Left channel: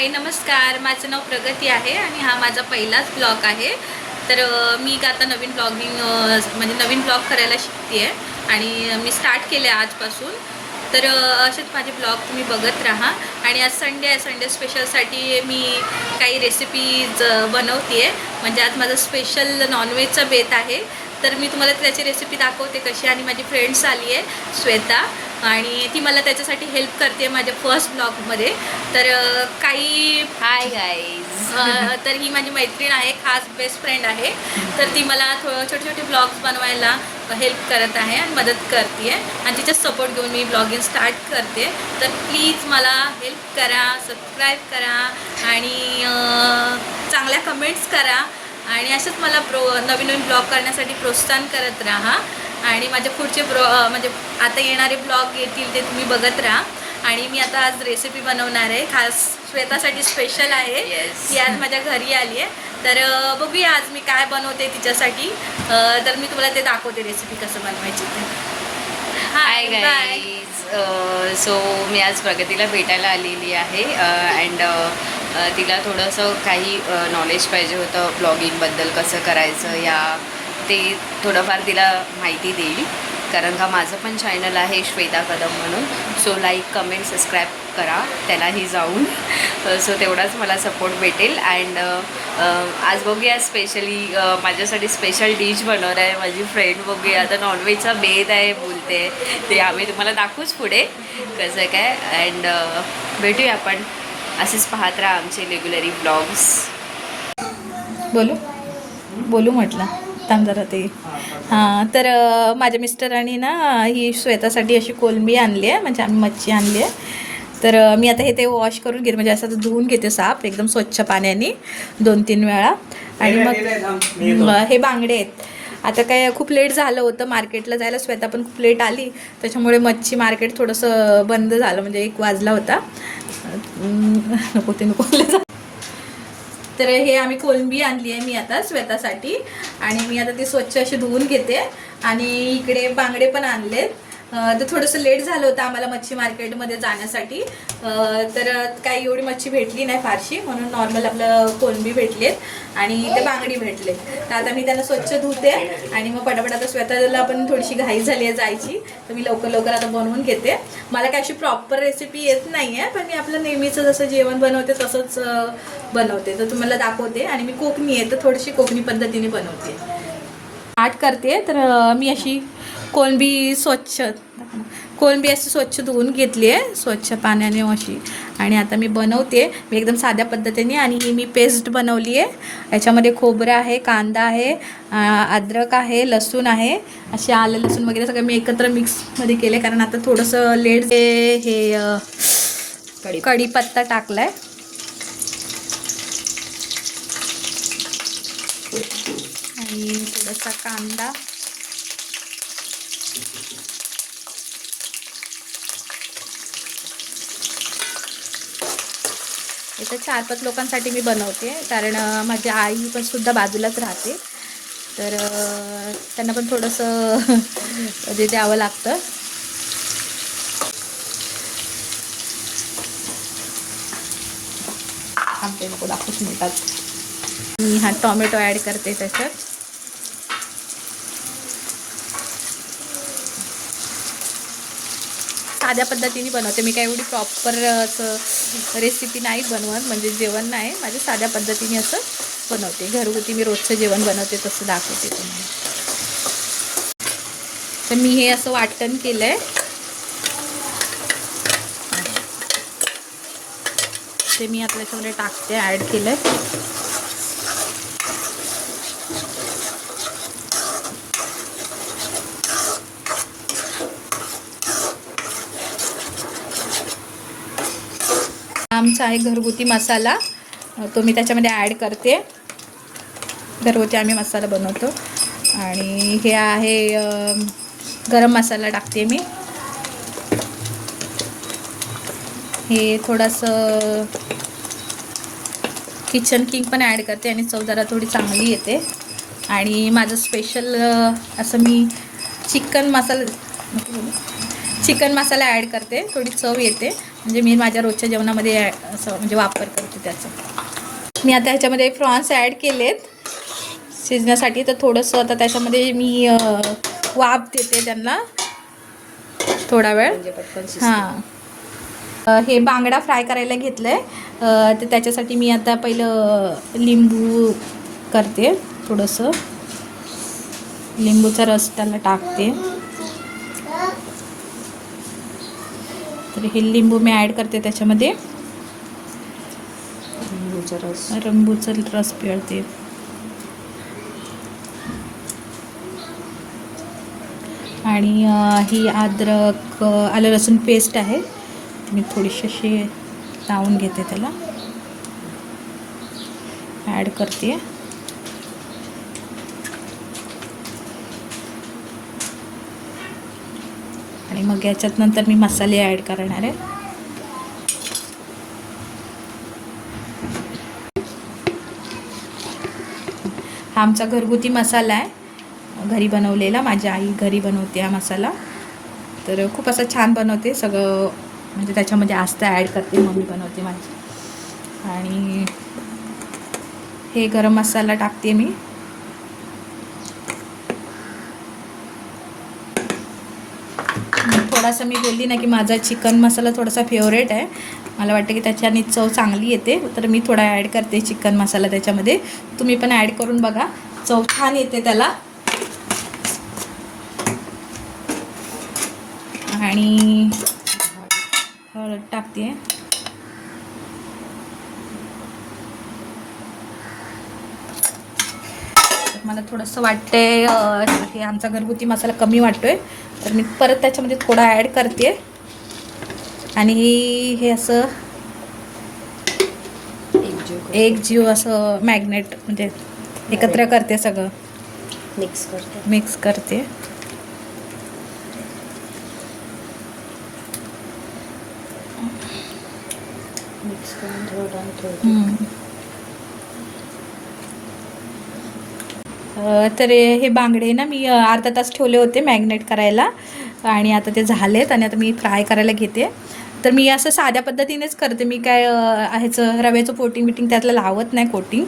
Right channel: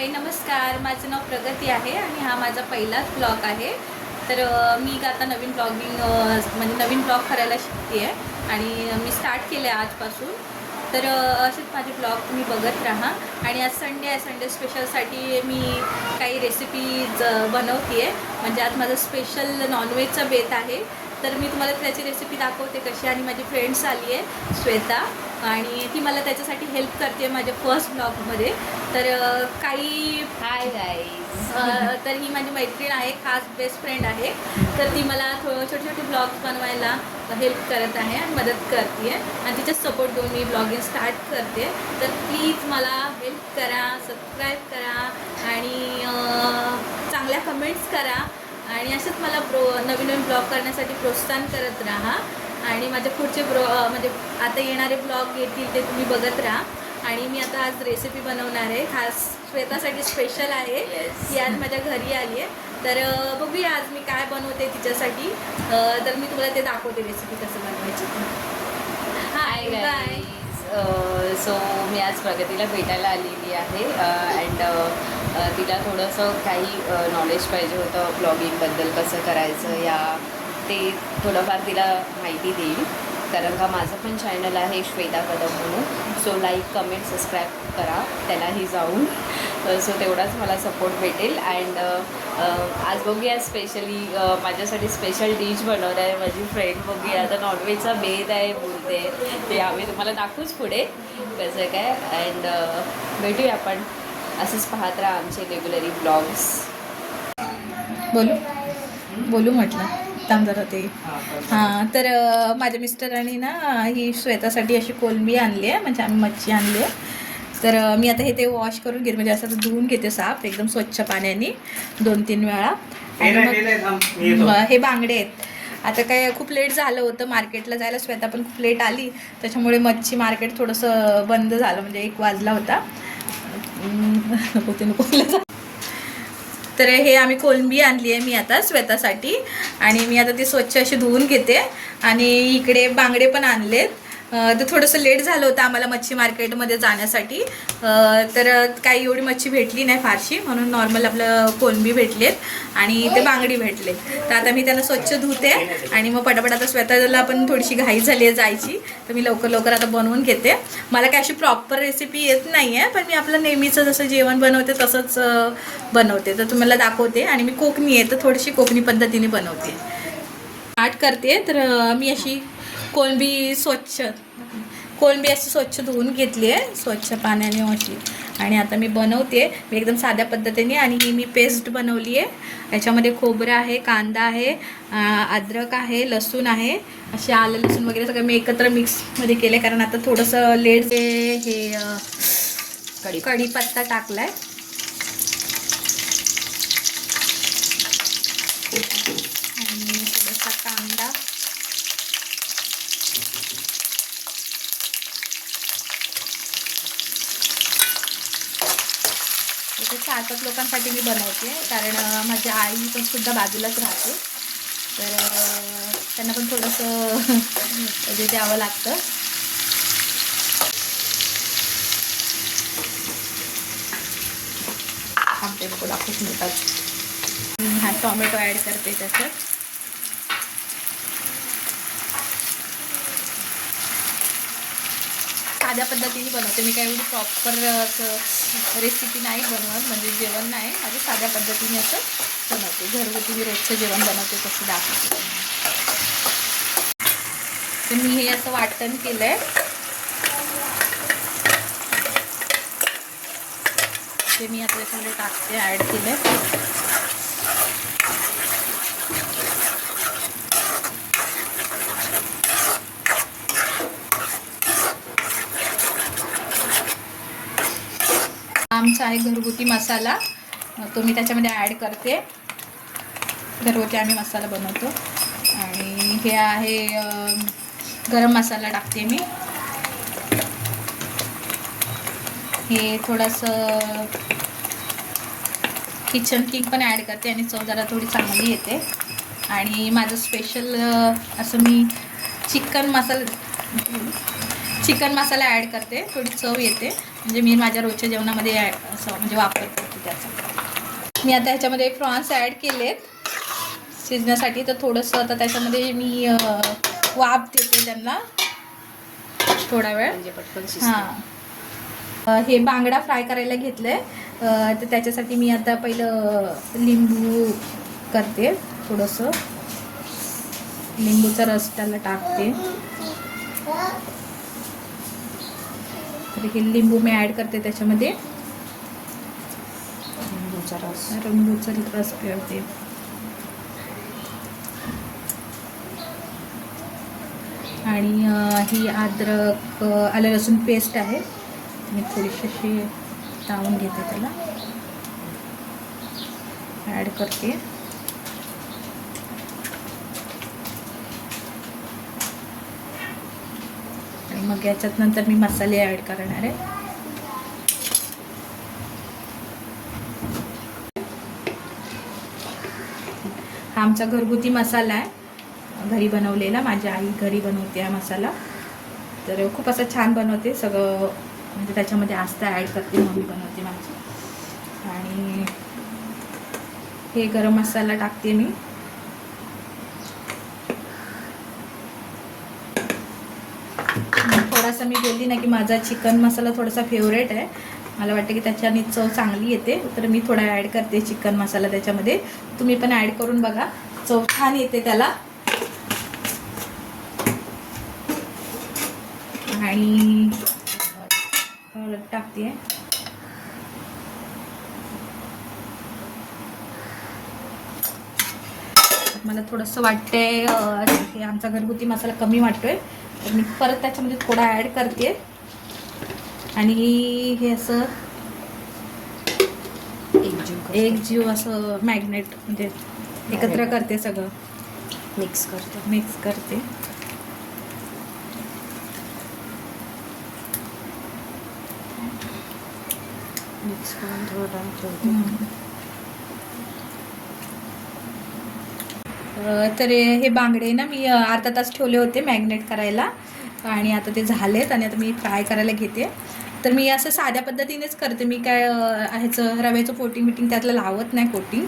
हाय नमस्कार, माझं नाव प्रगती आहे आणि हा माझा पहिलाच ब्लॉग आहे. तर मी आता नवीन ब्लॉगिंग म्हणजे नवीन ब्लॉग करायला शिकते आहे आणि मी स्टार्ट केलं आहे आजपासून. तर असेच माझे ब्लॉग तुम्ही बघत राहा. आणि आज संडे आहे, संडे स्पेशलसाठी मी काही रेसिपीज बनवते आहे. म्हणजे आज माझं स्पेशल नॉनव्हेजचा बेत आहे. तर मी तुम्हाला त्याची रेसिपी दाखवते कशी. आणि माझी फ्रेंड्स आली आहे श्वेता आणि ती मला त्याच्यासाठी हेल्प करते माझ्या फर्स्ट ब्लॉगमध्ये. तर काही हाय गाईज. तर ही माझी मैत्रीण आहे, खास बेस्ट फ्रेंड आहे. तर ती मला छोटे छोटे ब्लॉग्स बनवायला हेल्प करत आहे आणि मदत करते आहे आणि तिचा सपोर्ट घेऊन मी ब्लॉगिंग स्टार्ट करते. तर प्लीज मला हेल्प करा, सबस्क्राईब करा आणि चांगल्या कमेंट्स करा आणि असंच मला नवीन नवीन ब्लॉग करण्यासाठी प्रोत्साहन करत राहा. आणि माझे पुढचे म्हणजे आता येणारे ब्लॉग येतील ते तुम्ही बघत राहा. आणि मी आता आज रेसिपी बनवणार आहे, खास श्वेतासाठी स्पेशल आहे. ती आज माझ्या घरी आली आहे. तर बघूया आज मी काय बनवते तिच्यासाठी. तर मी तुम्हाला ते दाखवते रेसिपी कसं बनवायची ते. Hi guys. सो मी आज प्रगतीला भेटायला आलेली आहे अँड तिला थोडंसं काही नॉलेज पाहिजे होतं ब्लॉगिंगबद्दल, कसं करायचं या ते थोडंफार तिला माहिती देईल. कारण का माझं पण चॅनल आहे श्वेता कदम म्हणून. सो लाईक, कमेंट, सबस्क्राईब करा त्यालाही जाऊन. सो तेवढाच मला सपोर्ट भेटेल. अँड आज बघूया स्पेशली माझ्यासाठी स्पेशल डिश बनवणार आहे माझी फ्रेंड. बघूया आता नॉनव्हेजचा बेत आहे बोलते, ते आम्ही तुम्हाला दाखवूच पुढे कसं काय. अँड भेटूया आपण. असेच पाहत राहा आमचे रेग्युलरी ब्लॉग्स. बोलू म्हटलं थांब जरा ते. हां, तर माझ्या मिस्टरांनी ना ही श्वेतासाठी अशी कोलंबी आणली आहे, म्हणजे आम्ही मच्छी आणली आहे. तर मी आता ते वॉश करून घेते, म्हणजे असं धुवून घेते साफ एकदम स्वच्छ पाण्याने 2-3 वेळा. आणि मग हे बांगडे आहेत. आता काय खूप लेट झालं होतं मार्केटला जायला, श्वेता पण खूप लेट आली, त्याच्यामुळे मच्छी मार्केट थोडंसं बंद झालं, म्हणजे 1 वाजला होता. नको. तर हे आम्ही कोलंबी आणली आहे मी आता श्वेतासाठी. आणि मी आता ती स्वच्छ अशी धुवून घेते. आणि इकडे बांगडे पण आणलेत. तर थोडंसं लेट झालं होतं आम्हाला मच्छी मार्केटमध्ये जाण्यासाठी. तर काही एवढी मच्छी भेटली नाही फारशी, म्हणून नॉर्मल आपलं कोलंबी भेटलेत आणि ते बांगडी भेटले. तर आता मी त्यांना स्वच्छ धुते आणि मग पटापट आता श्वेताला पण थोडीशी घाई झाली आहे जायची, तर मी लवकर लवकर आता बनवून घेते. मला काय अशी प्रॉपर रेसिपी येत नाही आहे, पण मी आपलं नेहमीचं जसं जेवण बनवते तसंच बनवते. तर तुम्हाला दाखवते. आणि मी कोकणी आहे, तर थोडीशी कोकणी पद्धतीने बनवते. स्टार्ट करते. तर मी अशी कोलंबी अशी स्वच्छ धुवून घेतली आहे स्वच्छ पाण्याने अशी. आणि आता मी बनवते मी एकदम साध्या पद्धतीने. आणि ही मी पेस्ट बनवली आहे. याच्यामध्ये खोबरं आहे, कांदा आहे, अद्रक आहे, लसूण आहे, असे आलं लसूण वगैरे सगळं मी एकत्र मिक्समध्ये केले. कारण आता थोडंसं लेट हे कढीपत्ता टाकला आहे. आणि थोडासा कांदा, इथे 4-5 लोकांसाठी मी बनवते. कारण माझी आई पण सुद्धा बाजूलाच राहते, तर त्यांना पण थोडंसं द्यावं लागतं. आमचे नको दाखवूच मिळतात. हा टोमॅटो ॲड करते त्याच्यात. साध्या पद्धतीने बनवते मी, काय एवढी प्रॉपर असं रेसिपी नाही बनवत, म्हणजे जेवण नाही, माझ्या साध्या पद्धतीने असं बनवते. घरगुती मी रोजचं जेवण बनवते तसं दाखवते तुम्हाला. तर मी हे असं वाटण केलं आहे, ते मी आता त्याच्यामध्ये टाकते, ॲड केलं आहे. आमचा आहे घरगुती मसाला, तो मी त्याच्यामध्ये ॲड करते. घरगुती आम्ही मसाला बनवतो. आणि हे आहे गरम मसाला टाकते मी. हे थोडंसं किचन किंग पण ॲड करते आणि चव जरा थोडी चांगली येते. आणि माझं स्पेशल असं मी चिकन मसाला ॲड करते, थोडी चव येते. म्हणजे मी माझ्या रोजच्या जेवणामध्ये असं म्हणजे वापर करते त्याचा. मी आता ह्याच्यामध्ये प्रॉन्स ॲड केलेत शिजण्यासाठी. तर थोडंसं आता त्याच्यामध्ये मी वाफ देते त्यांना थोडा वेळ. म्हणजे पटकन शिजतं. हां, हे बांगडा फ्राय करायला घेतलं आहे. तर त्याच्यासाठी मी आता पहिलं लिंबू करते, थोडंसं लिंबूचा रस त्याला टाकते. तर हे लिंबू मी ॲड करते त्याच्यामध्ये. लिंबूचा रस पिळते. आणि ही अद्रक आलं लसूण पेस्ट आहे, मी थोडीशी अशी लावून घेते, त्याला ॲड करते. आणि मग याच्यात नंतर मी मसाले ॲड करणार आहे. हा आमचा घरगुती मसाला आहे, घरी बनवलेला. माझी आई घरी बनवते हा मसाला. तर खूप असं छान बनवते सगळं, म्हणजे त्याच्यामध्ये आस्ता ॲड करते, मम्मी बनवते माझी. आणि हे गरम मसाला टाकते मी. थोडासा मी बोलली ना की माझा चिकन मसाला थोडासा फेवरेट आहे, मला वाटतं की त्याच्याने चव चांगली येते. तर मी थोडा ॲड करते चिकन मसाला त्याच्यामध्ये. तुम्ही पण ॲड करून बघा, चव छान येते त्याला. आणि हळद टाकते. मला थोडंसं वाटते हे आमचा घरगुती मसाला कमी वाटतोय, तर मी परत त्याच्यामध्ये थोडा ॲड करते. आणि हे असं एकजीव असं मॅग्नेट म्हणजे एकत्र करते, सगळं मिक्स करते. तर हे बांगडे ना मी अर्धा तास ठेवले होते मॅग्नेट करायला, आणि आता ते झालेत. आणि आता मी फ्राय करायला घेते. तर मी असं साध्या पद्धतीनेच करते, मी काय ह्याचं रव्याचं कोटिंग त्यातलं लावत नाही कोटिंग,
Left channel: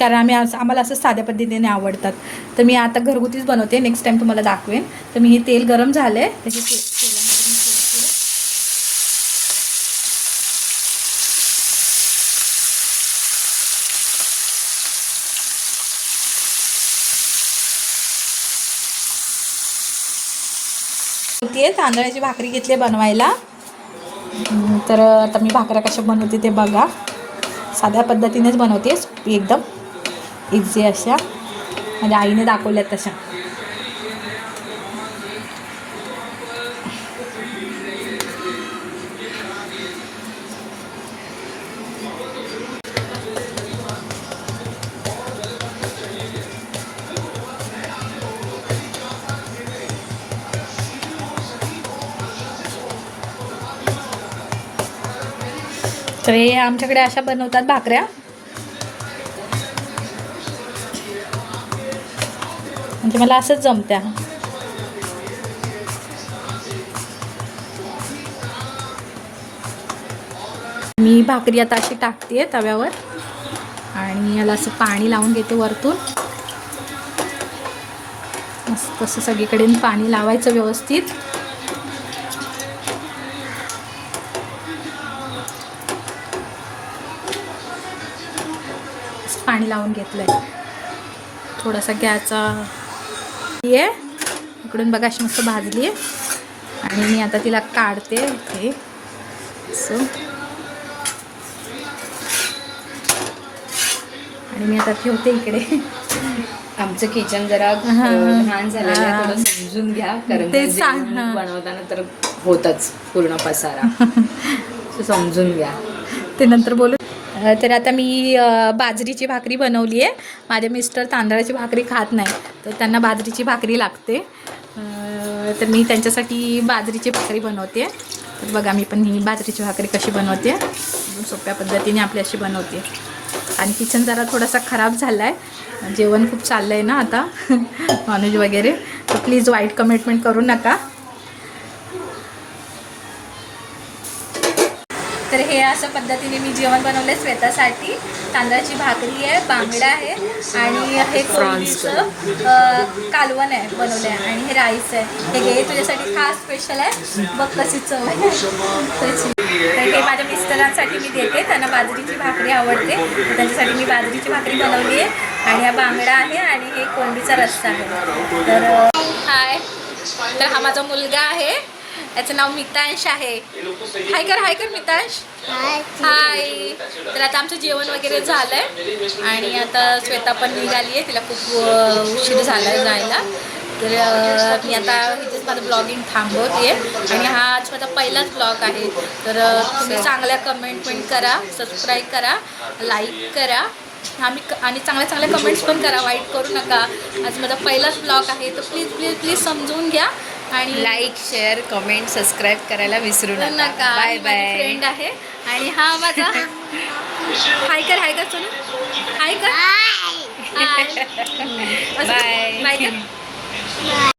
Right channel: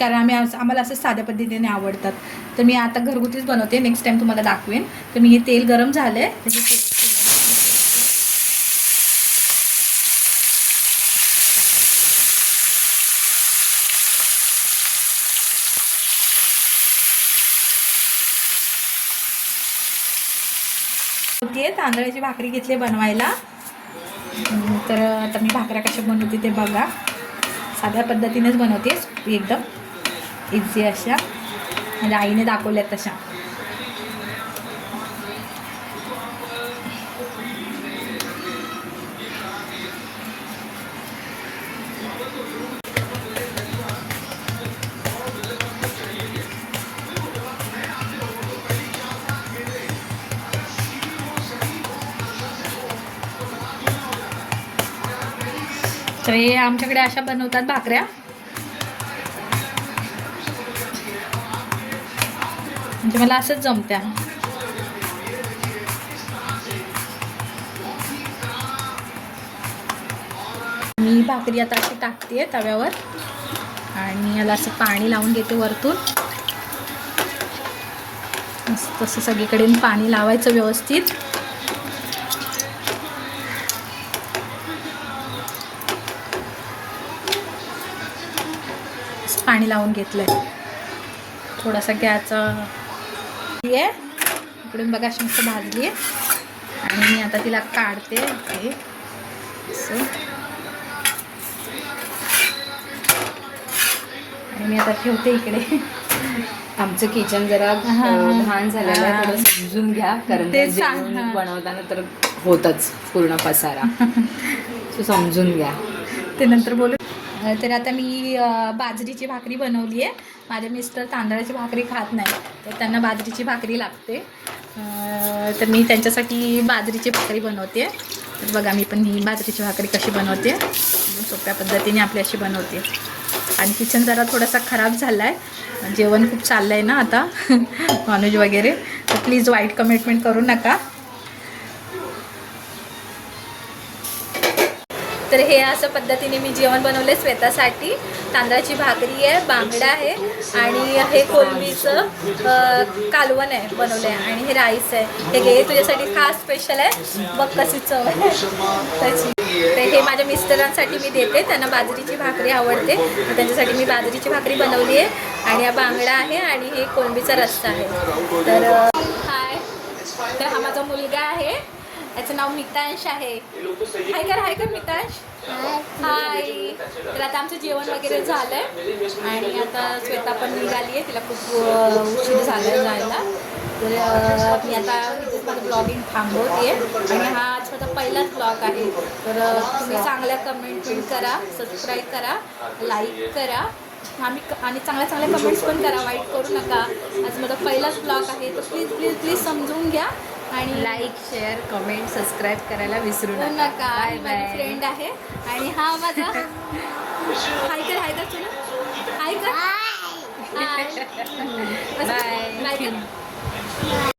कारण आम्हाला असं साध्या पद्धतीने आवडतात. तर मी आता घरगुतीच बनवते, नेक्स्ट टाईम तुम्हाला दाखवेन. तर मी हे तेल गरम झालं आहे, तांदळाची भाकरी घेतली बनवायला. तर आता मी भाकऱ्या कशा बनवते ते बघा. साध्या पद्धतीनेच बनवते, एकदम इझी अशा, म्हणजे आईने दाखवल्यात तशा. तर हे आमच्याकडे अशा बनवतात भाकऱ्या. म्हणजे मला असंच जमत्या. मी भाकरी आता अशी टाकते तव्यावर, आणि याला असं पाणी लावून घेते वरतून. असं सगळीकडे पाणी लावायचं व्यवस्थित. पाणी लावून घेतलंय. थोडासा गॅसचा आहे, इकडून बघा अशी मस्त भाजली. आणि मी आता तिला काढते हे असं. आणि मी आता ठेवते इकडे. आमचं किचन जरा लहान झालेलं आहे, थोडं समजून घ्या, कारण ते सांग बनवताना तर होतच पूर्ण पसारा. समजून घ्या, ते नंतर बोलू. तर आता मी बाजरीची भाकरी बनवली आहे. माझे मिस्टर तांदळाची भाकरी खात नाही, तर त्यांना बाजरीची भाकरी लागते. तर मी त्यांच्यासाठी बाजरीची भाकरी बनवते. तर बघा मी पण ही बाजरीची भाकरी कशी बनवते, एकदम सोप्या पद्धतीने आपली अशी बनवते. आणि किचन जरा थोडासा खराब झाला आहे, जेवण खूप चाललं आहे ना आता नॉनव्हेज वगैरे, तर प्लीज वाईट कमेंटमेंट करू नका. हे असं पद्धतीने मी जेवण बनवलं आहे श्वेतासाठी. तांदळाची भाकरी आहे, बांगडा आहे आणि हे कोलंबीचं कालवण आहे बनवलं आहे आणि हे राईस आहे. हे घे तुझ्यासाठी खास स्पेशल आहे, बघ कशी चव आहे त्याची. तर हे माझ्या मिस्टरांसाठी मी देते, त्यांना बाजरीची भाकरी आवडते, त्यांच्यासाठी मी बाजरीची भाकरी बनवली आहे आणि हा बांगडा आहे आणि हे कोलंबीचा रस्सा आहे. तर हाय, तर हा माझा मुलगा आहे, याचं नाव मितांश आहे. हाय कर मितांश. हाय. तर आता आमचं जेवण वगैरे झालं आहे आणि आता श्वेता पण निघाली आहे, तिला खूप उशीर झाला आहे जायला. तर मी आता इथेच माझं ब्लॉगिंग थांबवते आणि हा आज माझा पहिलाच ब्लॉग आहे. तर तुम्ही चांगल्या कमेंट करा, सबस्क्राईब करा, लाईक करा आणि चांगल्या कमेंट्स पण करा, वाईट करू नका. आज माझा पहिलाच ब्लॉग आहे, तर प्लीज समजून घ्या आणि लाईक, शेअर, कमेंट, सबस्क्राईब करायला विसरू नका. Bye bye. फ्रेंड आहे आणि हा माझा हाय कर चलो हाय कर. बाय. बाय कर.